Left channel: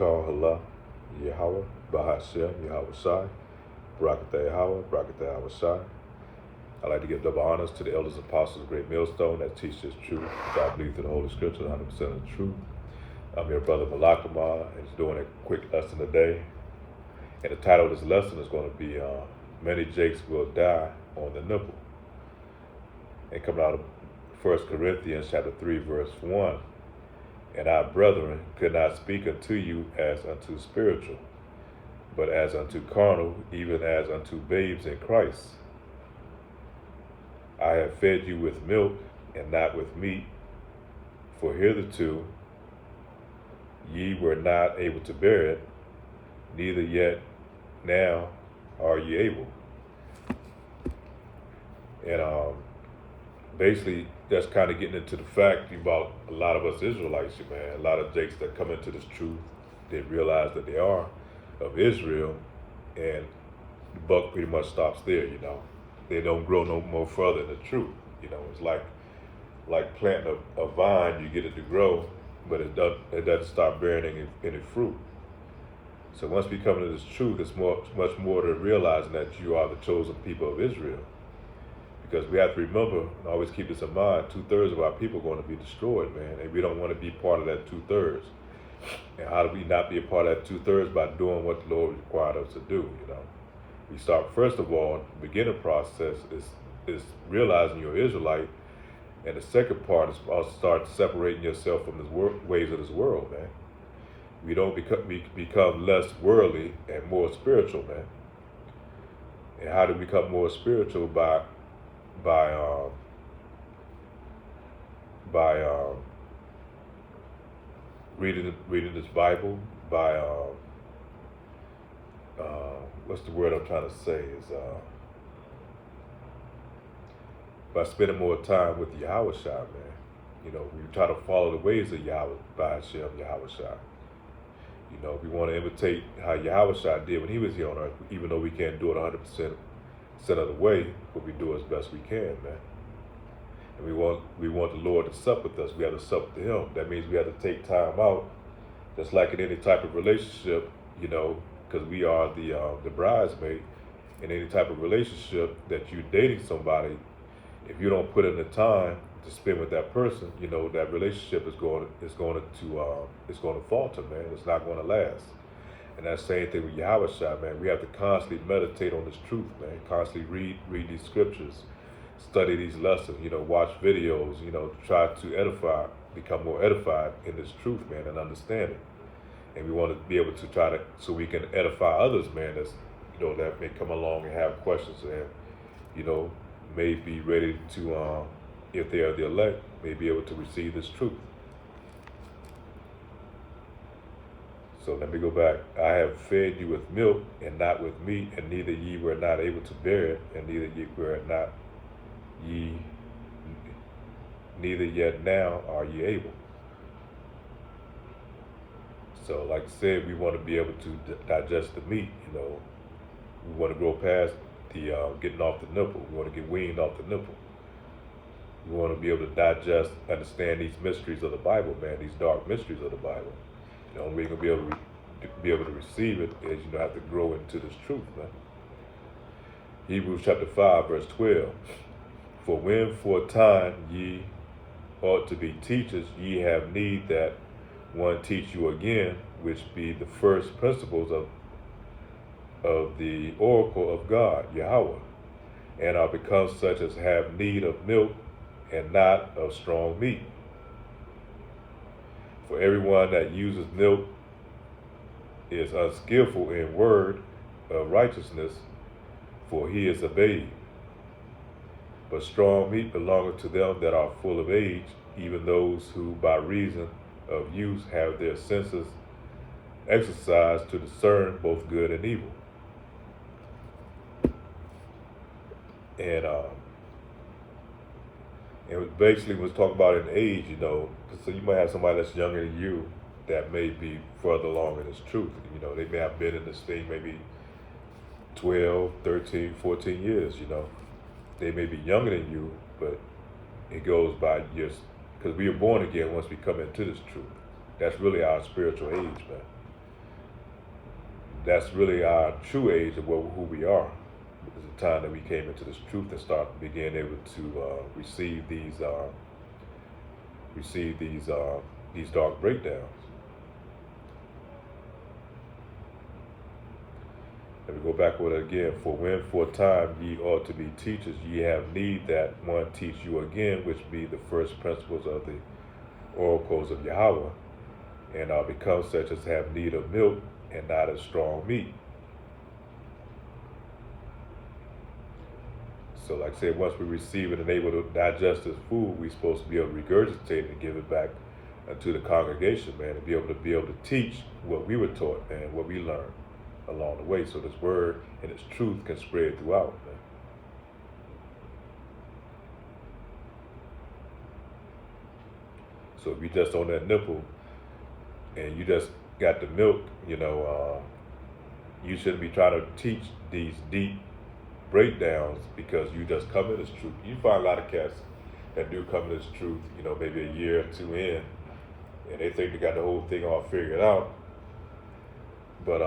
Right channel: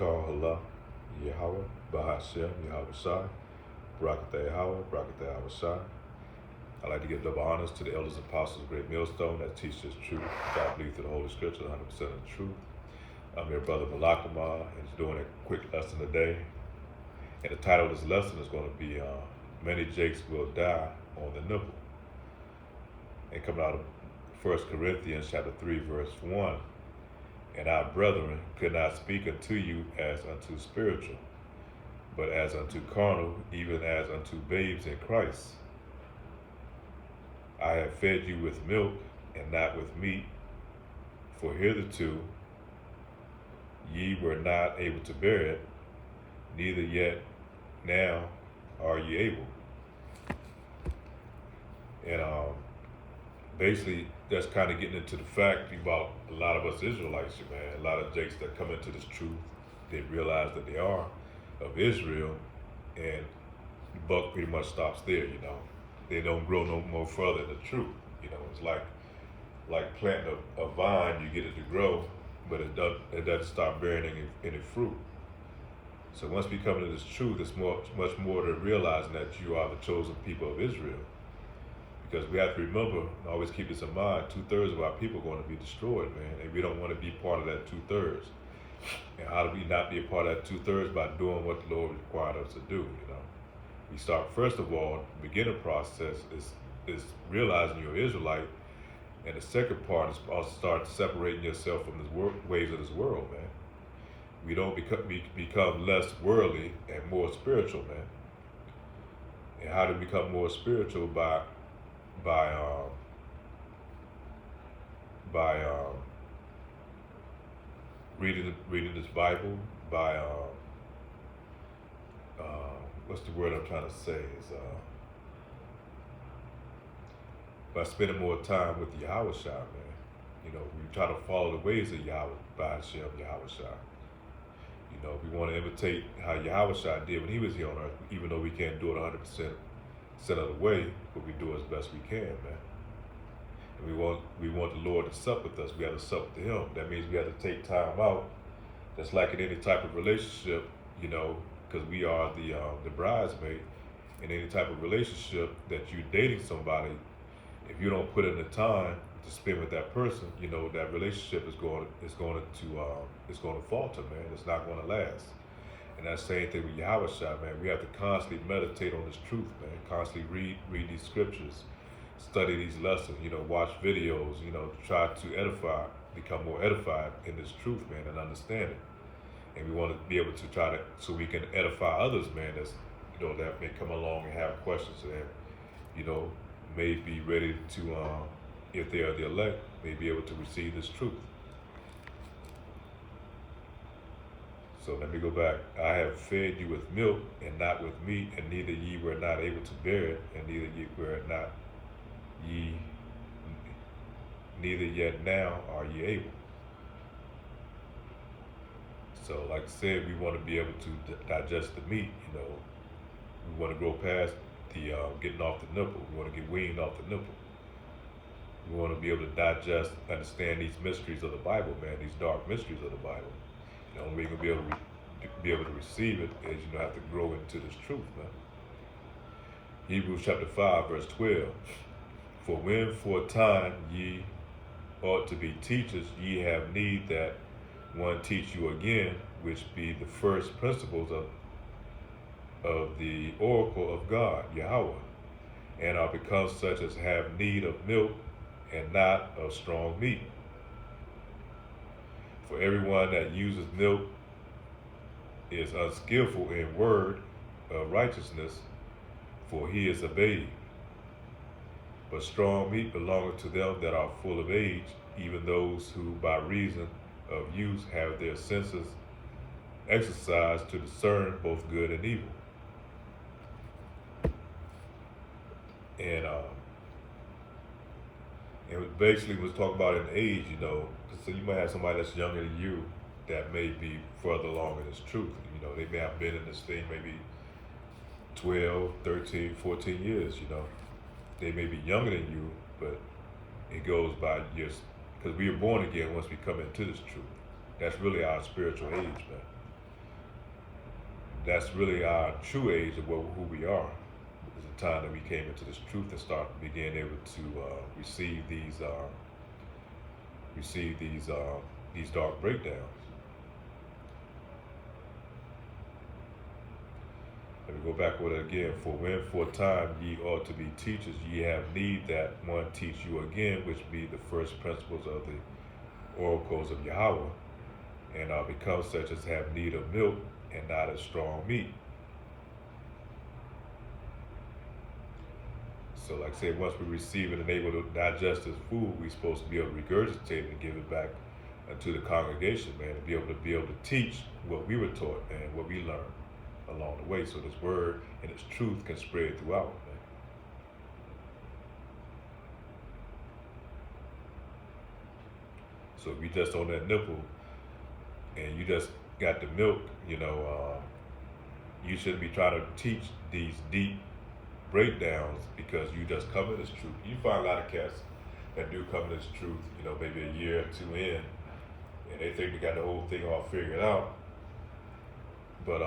Call Allah, Yahweh, Bahashem, Yahweh Shai, Barakatah Yahweh, Barakatah Yahweh Shai. I'd like to give double honors to the elders and apostles of Great Millstone that teach this truth. I believe through the Holy Scripture, 100% of the truth. I'm your brother Malakama, and he's doing a quick lesson today. And the title of this lesson is going to be Many Jakes Will Die on the Nipple. And coming out of 1 Corinthians chapter 3, verse 1. And our brethren could not speak unto you as unto spiritual, but as unto carnal, even as unto babes in Christ. I have fed you with milk and not with meat, for hitherto ye were not able to bear it, neither yet now are ye able. And basically, that's kind of getting into the fact about a lot of us Israelites, man. A lot of jakes that come into this truth, they realize that they are of Israel, and the buck pretty much stops there, They don't grow no more further in the truth. It's like planting a vine, you get it to grow, but it doesn't stop bearing any fruit. So once we come into this truth, it's much more to realizing that you are the chosen people of Israel. Because we have to remember, and always keep this in mind, 2/3 of our people are going to be destroyed, man. And we don't want to be part of that 2/3. And how do we not be a part of that 2/3? By doing what the Lord required us to do, We start, first of all, the beginning process is realizing you're Israelite. And the second part is also start separating yourself from the ways of this world, man. We become less worldly and more spiritual, man. And how do we become more spiritual? By reading this Bible, by what's the word I'm trying to say is by spending more time with Yahweh Shai, man. We try to follow the ways of Yahweh, Bahashem, Yahweh Shai. We want to imitate how Yahweh Shai did when he was here on earth, even though we can't do it 100% of the way, but we do as best we can, man. And we want the Lord to sup with us. We have to sup with him. That means we have to take time out, just like in any type of relationship, because we are the bridesmaid. In any type of relationship that you're dating somebody, if you don't put in the time to spend with that person, that relationship is going to falter, man. It's not going to last. And that same thing with Yahweh Shai, man. We have to constantly meditate on this truth, man. Constantly read these scriptures, study these lessons, watch videos, try to become more edified in this truth, man, and understand it. And we want to be able to so we can edify others, man, that may come along and have questions and, may be ready to, if they are the elect, may be able to receive this truth. So let me go back. I have fed you with milk and not with meat, and neither ye were not able to bear it, and neither yet now are ye able. So like I said, we want to be able to digest the meat, We want to grow past the getting off the nipple. We want to get weaned off the nipple. We want to be able to understand these mysteries of the Bible, man, these dark mysteries of the Bible. The only way you're going to be able to receive it is have to grow into this truth, man. Hebrews chapter 5, verse 12. For when for a time ye ought to be teachers, ye have need that one teach you again, which be the first principles of the oracle of God, Yahweh, and are become such as have need of milk and not of strong meat. For everyone that uses milk is unskillful in word of righteousness, for he is a babe. But strong meat belongeth to them that are full of age, even those who by reason of use have their senses exercised to discern both good and evil. And it basically was talking about an age, so you might have somebody that's younger than you that may be further along in this truth. They may have been in this thing maybe 12, 13, 14 years, They may be younger than you, but it goes by years, because we are born again once we come into this truth. That's really our spiritual age, man. that's really our true age of who we are. It's the time that we came into this truth and start being able to receive these dark breakdowns. Let me go back with it again. For when for a time ye ought to be teachers, ye have need that one teach you again, which be the first principles of the oracles of Yahweh, and are become such as have need of milk and not of strong meat. So like I said, once we receive it and able to digest this food, we're supposed to be able to regurgitate it and give it back to the congregation, man, and be able to teach what we were taught and what we learned along the way, so this word and its truth can spread throughout, man. So if you just on that nipple and you just got the milk, you shouldn't be trying to teach these deep breakdowns because you just come in this truth. You find a lot of cats that do come in this truth, maybe a year or two in, and they think they got the whole thing all figured out. But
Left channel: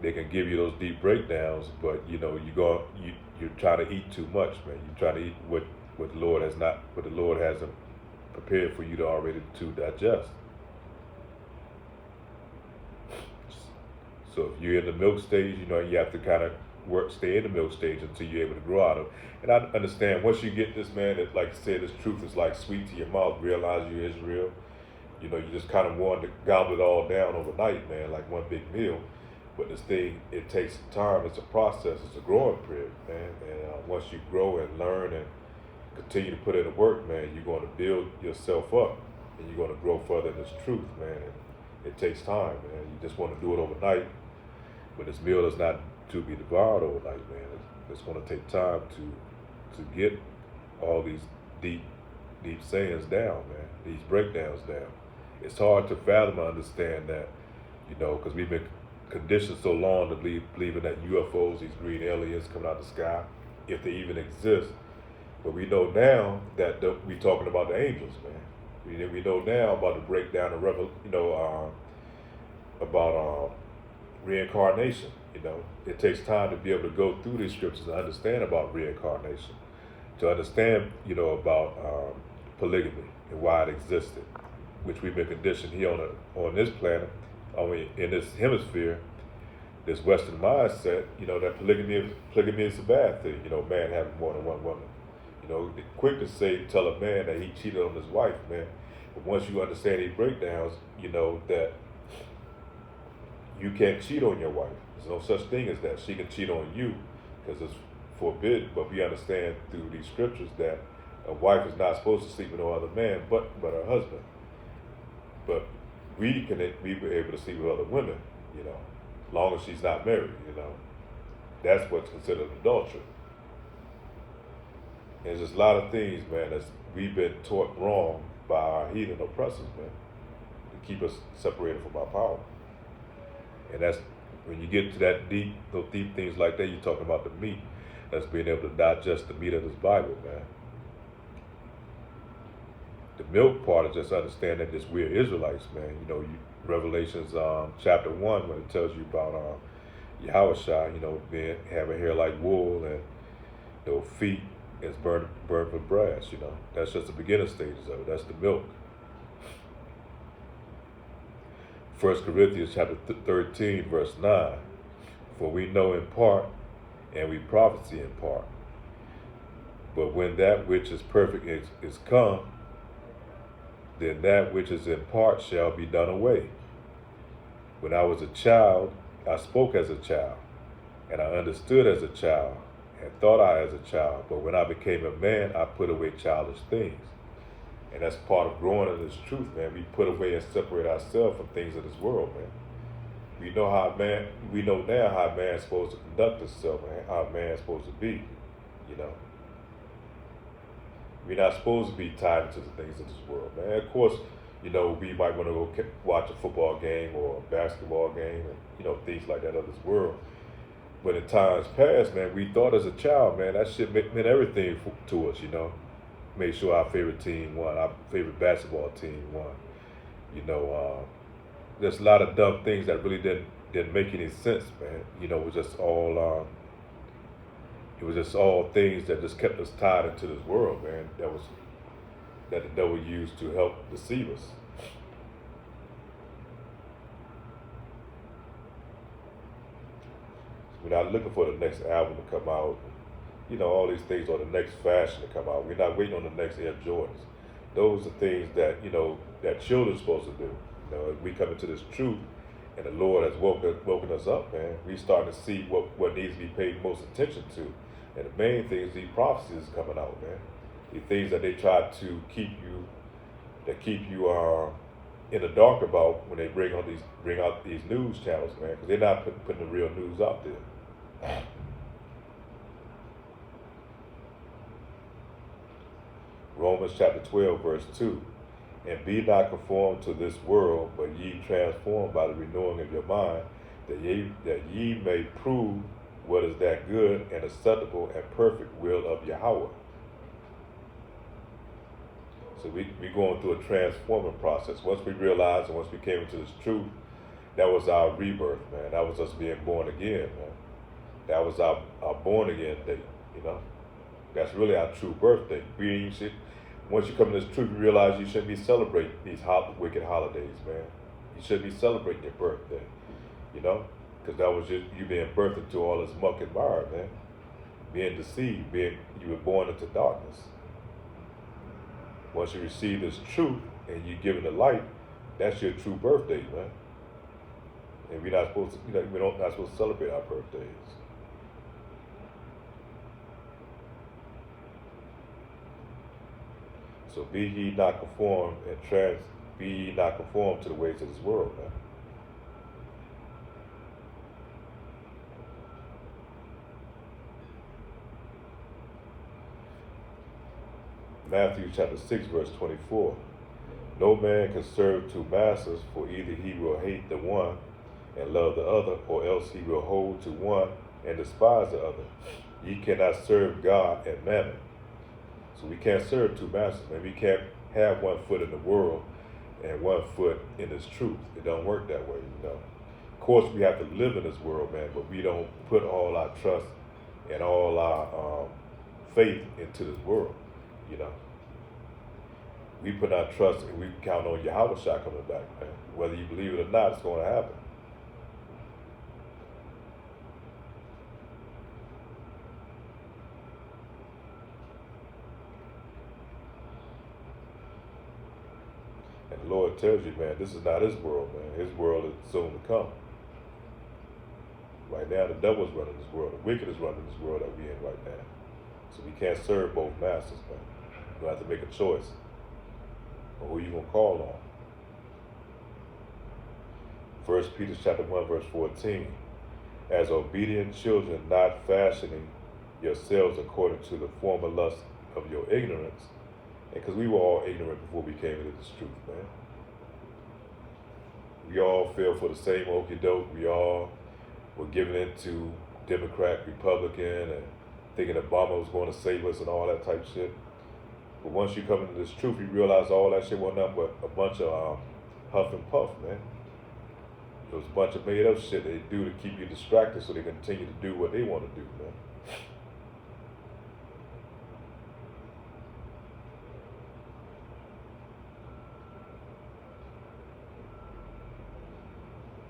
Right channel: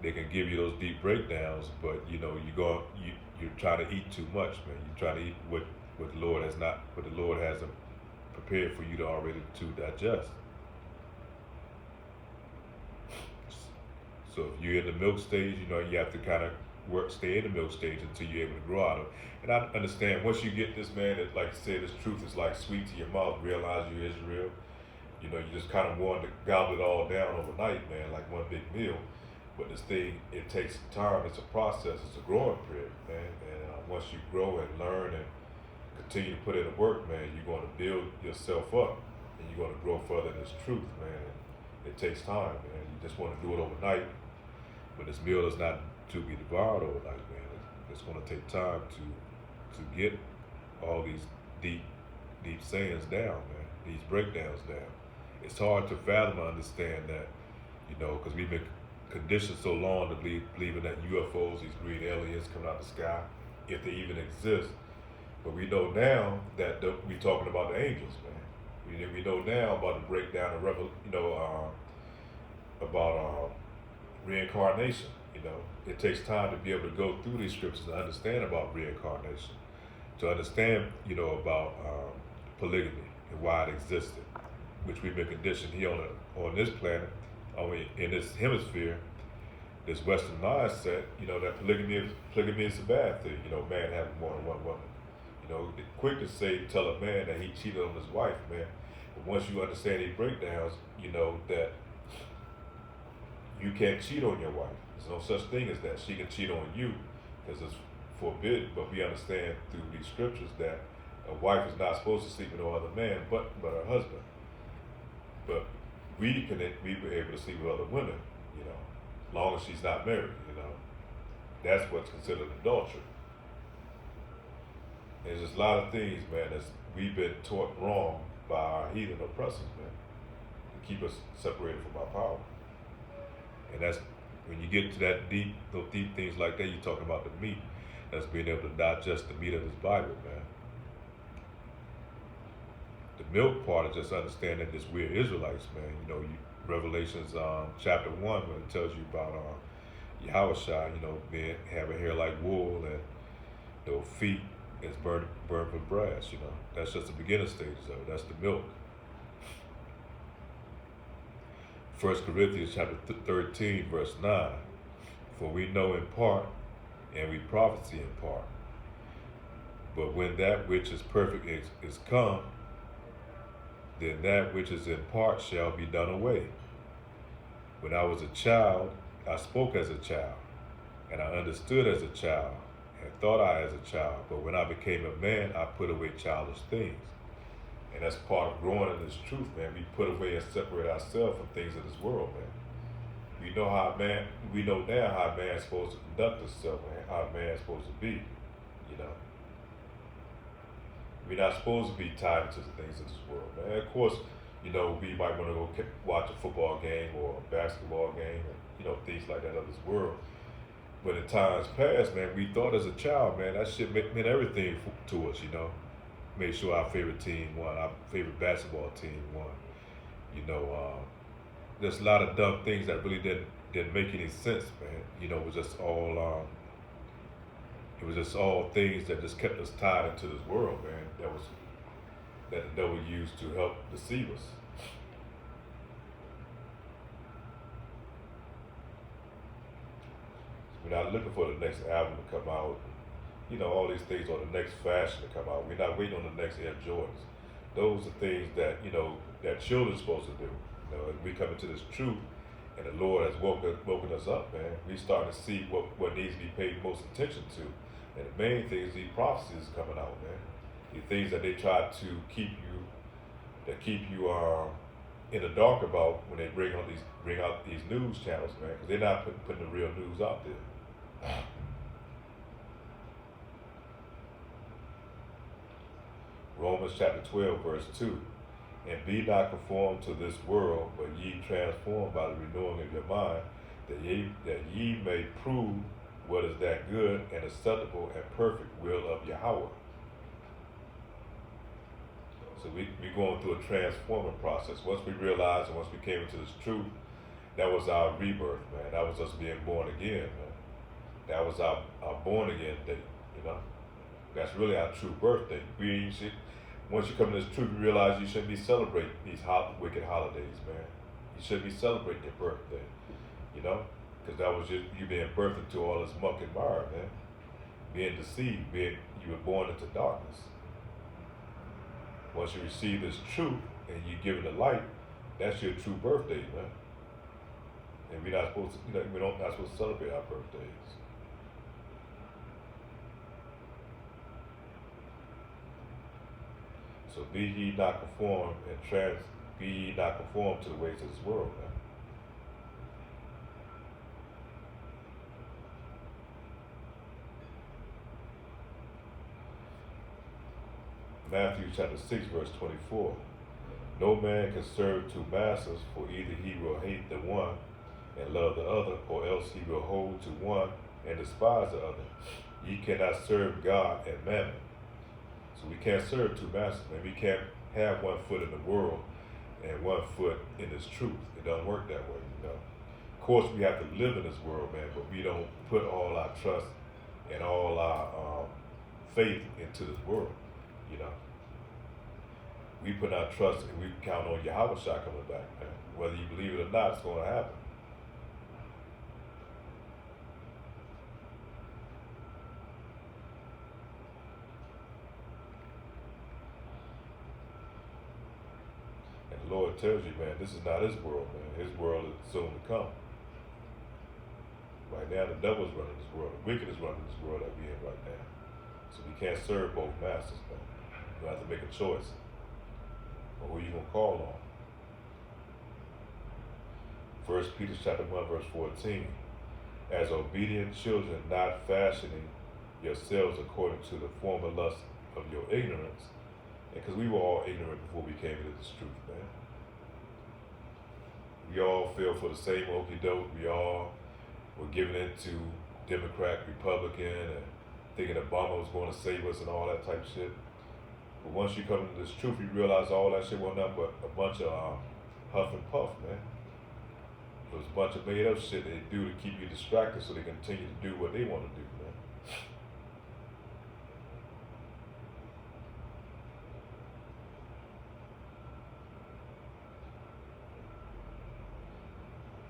they can give you those deep breakdowns, but you're trying to eat too much, man. You're trying to eat what the Lord hasn't prepared for you to already to digest. So if you're in the milk stage, you have to kind of stay in the milk stage until you're able to grow out of it. And I understand once you get this, man, that like I said, this truth is like sweet to your mouth. Realize you're Israel. You just kind of want to gobble it all down overnight, man, like one big meal. But this thing, it takes time. It's a process. It's a growing period, man. And once you grow and learn and continue to put in the work, man, you're going to build yourself up and you're going to grow further in this truth, man. It takes time, man. You just want to do it overnight. But this meal is not to be devoured overnight, man. It's going to take time to get all these deep sayings down, man. These breakdowns down. It's hard to fathom and understand that, because we've been conditioned so long to believing that UFOs, these green aliens coming out of the sky, if they even exist. But we know now that we're talking about the angels, man. We know now about the breakdown of about reincarnation. It takes time to be able to go through these scriptures and understand about reincarnation, to understand, about polygamy and why it existed, which we've been conditioned here on this planet, in this hemisphere, this Western mindset, that polygamy is a bad thing. Man having more than one woman. They're quick to tell a man that he cheated on his wife, man. But once you understand these breakdowns, that you can't cheat on your wife. There's no such thing as that. She can cheat on you because it's forbidden. But we understand through these scriptures that a wife is not supposed to sleep with no other man but her husband. But we were able to sleep with other women, as long as she's not married, That's what's considered adultery. There's just a lot of things, man, that we've been taught wrong by our heathen oppressors, man, to keep us separated from our power. And that's when you get to those deep things like that, you're talking about the meat. That's being able to digest the meat of this Bible, man. The milk part is just understanding that we're Israelites, man. Revelations chapter 1, when it tells you about Yahushua, having hair like wool and feet as burned with brass. That's just the beginning stages of it. That's the milk. 1 Corinthians chapter 13, verse 9. For we know in part, and we prophesy in part. But when that which is perfect is come, then that which is in part shall be done away. When I was a child, I spoke as a child, and I understood as a child, and thought I as a child. But when I became a man, I put away childish things. And that's part of growing in this truth, man. We put away and separate ourselves from things of this world, man. We know now how a man's supposed to conduct himself and how a man's supposed to be, We're not supposed to be tied into the things of this world, man. Of course, we might want to go watch a football game or a basketball game and, things like that of this world. But in times past, man, we thought as a child, man, that shit meant everything to us, Made sure our favorite team won, our favorite basketball team won. There's a lot of dumb things that really didn't didn't make any sense, man. It was just all things that just kept us tied into this world, man. That the devil used to help deceive us. We're not looking for the next album to come out, all these things, or the next fashion to come out. We're not waiting on the next Air Jordans. Those are things that, that children's supposed to do. As we come into this truth, and the Lord has woken us up, man, we starting to see what needs to be paid most attention to. And the main thing is these prophecies coming out, man. These things that they try to keep you in the dark about when they bring out these news channels, man, because they're not putting the real news out there. Romans chapter 12, verse 2. And be not conformed to this world, but ye transformed by the renewing of your mind, that ye may prove what is that good and acceptable and perfect will of Yahweh. So we going through a transforming process. Once we realized and once we came into this truth, that was our rebirth, man. That was us being born again, man. That was our born again day, That's really our true birthday. Once you come to this truth, you realize you shouldn't be celebrating these wicked holidays, man. You should be celebrating your birthday, because that was just you being birthed into all this muck and mire, man. Being deceived, you were born into darkness. Once you receive this truth and you give it the light, that's your true birthday, man. And we're not supposed to celebrate our birthdays. So be ye not conformed to the ways of this world, man. Matthew chapter 6, verse 24. No man can serve two masters, for either he will hate the one and love the other, or else he will hold to one and despise the other. Ye cannot serve God and mammon. So we can't serve two masters, man. We can't have 1 foot in the world and 1 foot in this truth. It don't work that way, Of course, we have to live in this world, man, but we don't put all our trust and all our faith into this world, We put our trust and we count on Yahweh Shai coming back, man. Whether you believe it or not, it's going to happen. And the Lord tells you, man, this is not his world, man. His world is soon to come. Right now, the devil's running this world. The wicked is running this world that we're in right now. So we can't serve both masters, man. You have to make a choice on who you're going to call on. 1 Peter chapter 1, verse 14. As obedient children, not fashioning yourselves according to the former lust of your ignorance. Because we were all ignorant before we came into this truth, man. We all fell for the same okie doke. We all were given into Democrat, Republican, and thinking Obama was going to save us and all that type shit. But once you come into this truth, you realize all that shit wasn't nothing but a bunch of huff and puff, man. It was a bunch of made up shit they do to keep you distracted so they continue to do what they want to do, man.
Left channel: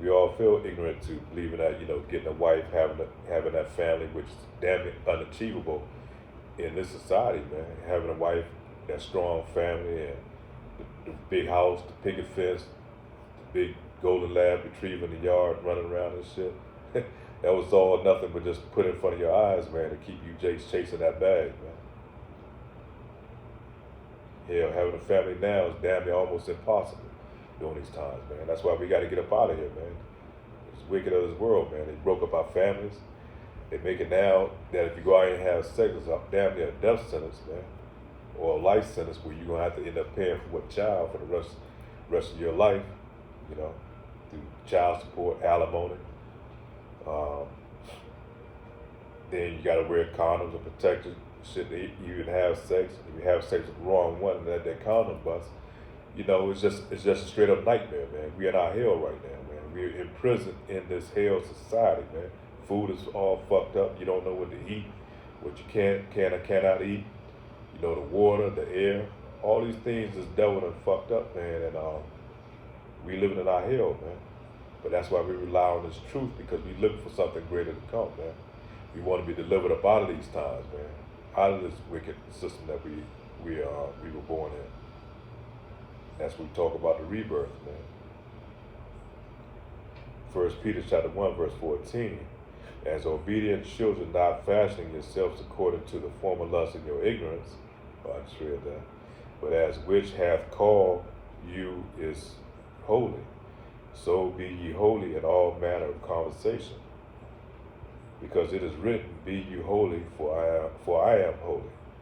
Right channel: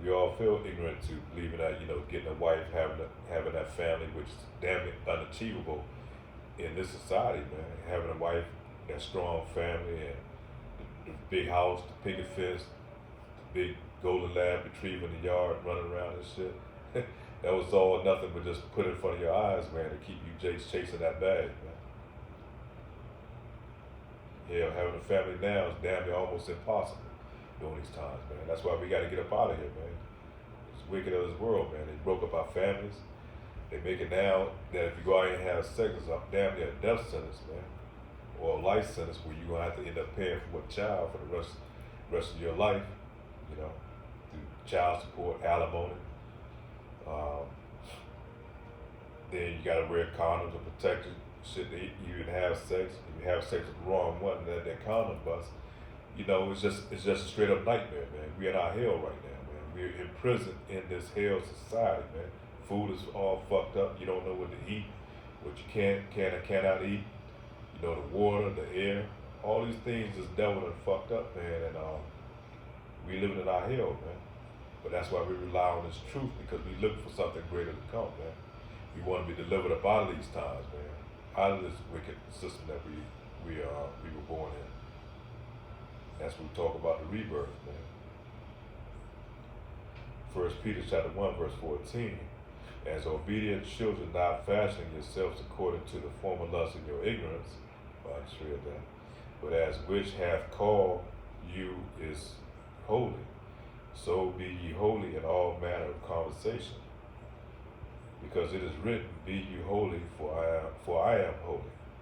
We all feel ignorant to believing that, getting a wife, having that family, which is damn unachievable in this society, man. Having a wife, that strong family, and the big house, the picket fence, the big golden lab retriever in the yard running around and shit. That was all nothing but just put in front of your eyes, man, to keep you chasing that bag, man. Hell, having a family now is damn near almost impossible during these times, man. That's why we got to get up out of here, man. It's wicked of this world, man. They broke up our families. They make it now that if you go out and have sex, it's damn near a death sentence, man. Or a life sentence where you're going to have to end up paying for a child for the rest of your life, through child support, alimony. Then you got to wear condoms and protectors. Shit, you even have sex. If you have sex with the wrong one, and that condom bust, it's just a straight up nightmare, man. We in our hell right now, man. we're imprisoned in this hell society, man. Food is all fucked up. You don't know what to eat, what you can or cannot eat. You know, the water, the air, all these things is devil and fucked up, man. And we living in our hell, man. But that's why we rely on this truth, because we look for something greater to come, man. We want to be delivered up out of these times, man, out of this wicked system that we were born in. That's what we talk about the rebirth, man. 1 Peter chapter 1, verse 14. As obedient children, not fashioning yourselves according to the former lust of your ignorance, I just read that, but as which hath called you is holy, so be ye holy in all manner of conversation. Because it is written, be ye holy, for I am holy.